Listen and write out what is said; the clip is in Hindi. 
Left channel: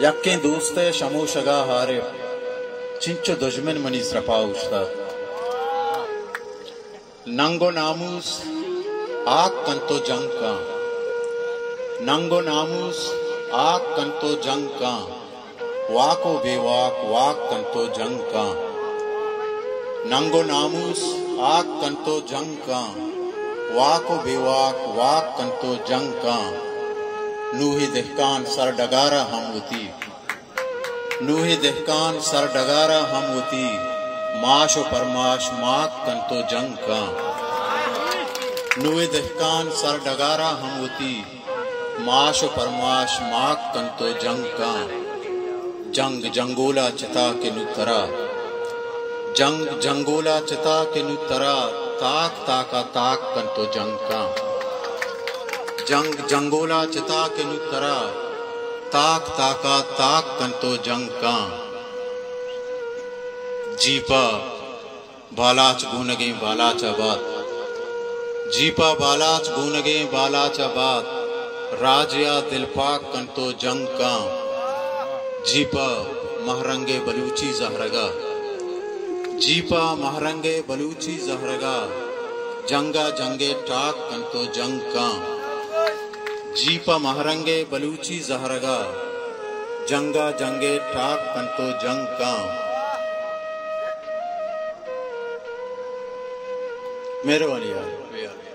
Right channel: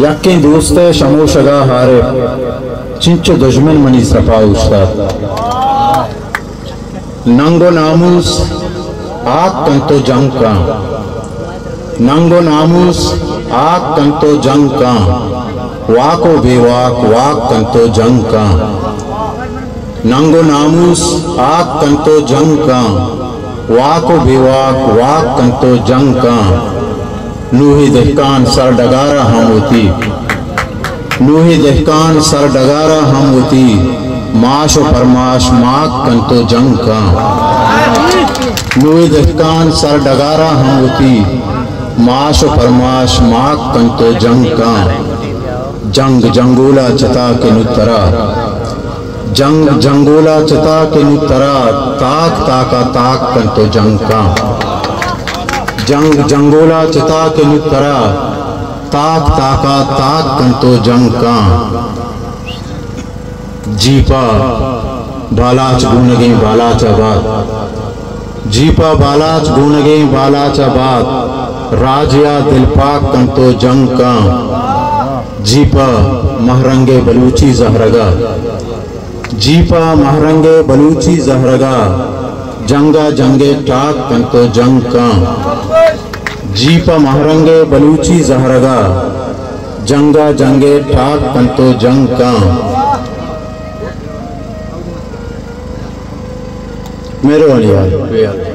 यक्के दोस्त शमोशगा हारे चिंचो दुश्मन मनी सफा उस्ताद नंगो नामूस आग कंतो जंग का नंगो नामूस आग कंतो जंग का वाको बेवाक वाक कंतो जंग का नंगो नामूस आग कंतो जंग का वाको बेवाक वाक कंतो जंग का नूही दहकान सर डगारा हम होती नूही दहकान सर डगारा हम होती माश व फरमाश माक कंतो जंग का नूही दहकान सर डगारा हम होती माश व फरमाश माक कंतो जंग का जंग जंगोला चता के नुतरा जंग जंगोला चता के नुतरा ताक ताका ताक कंतो जंग का जंग जंगोला चिता के नुतरा ताक ताका ताक कंतो जंग का जीपा बालाच गूनगे बालाच बात जीपा बालाच गूनगे बालाच बात राजिया दिलपाक कंतो जंग का जीपा महरंगे बलूची जहरगा जीपा महरंगे बलूची जहरगा जंगा जंगे टाक कंतो जंग का जीपा महरंगे बलूची जहरगा जंगा जंगे ठाक कंतो जंग का मेरे वाली यार